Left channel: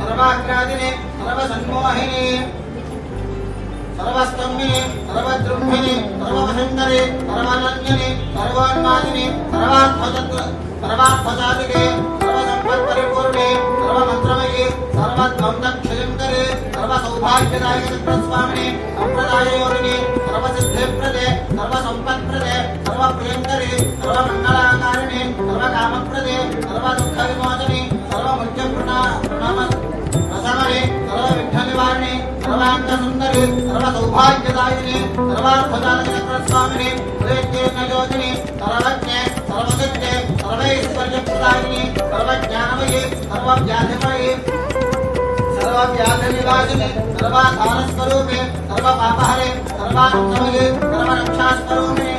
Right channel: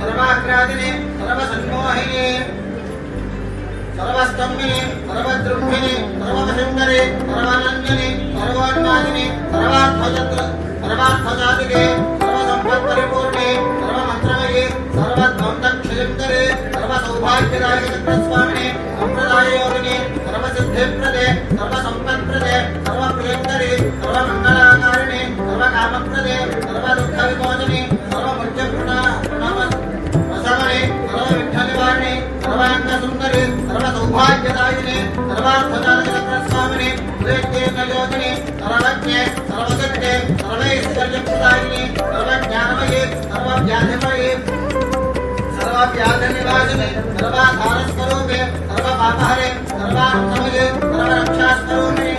सर्वाग्रादिने सर्वसन्मोहिने सर्वस्तम्भिने सर्वद्रुम्भिने सर्ववशङ्करे सर्वानन्यने सर्वोन्मादिने सर्वार्थजातिके सर्वसम्पत्परिपूर्णे सर्वमन्त्रमये सर्वद्वन्द्वक्षयङ्करे सर्वसौभाग्यदायिके स्वामिने अप्रदाययोगिने सर्वसिद्धिप्रदे सर्वसम्पत्प्रदे सर्वप्रियङ्करे सर्वमङ्गलाकारिणे सर्वकामप्रदे सर्वदुःखविमोचने सर्वमुख्यप्रसामने सर्वविघ्ननिवारिणे सर्वाङ्गसुन्दरे सर्वसौभाग्यदायिने सर्वार्थजातकस्वामिने उदयज्ञेनयोगिने सर्वज्ञे सर्वसिद्धे सर्वैश्वर्यप्रदायिने सर्वज्ञानमये सर्वव्याधिमये सर्वव्याधिनिवासिने सर्वाधारस्वरूपे सर्वपापहरे सर्वान्तमये सर्वरक्षास्वरूपिणे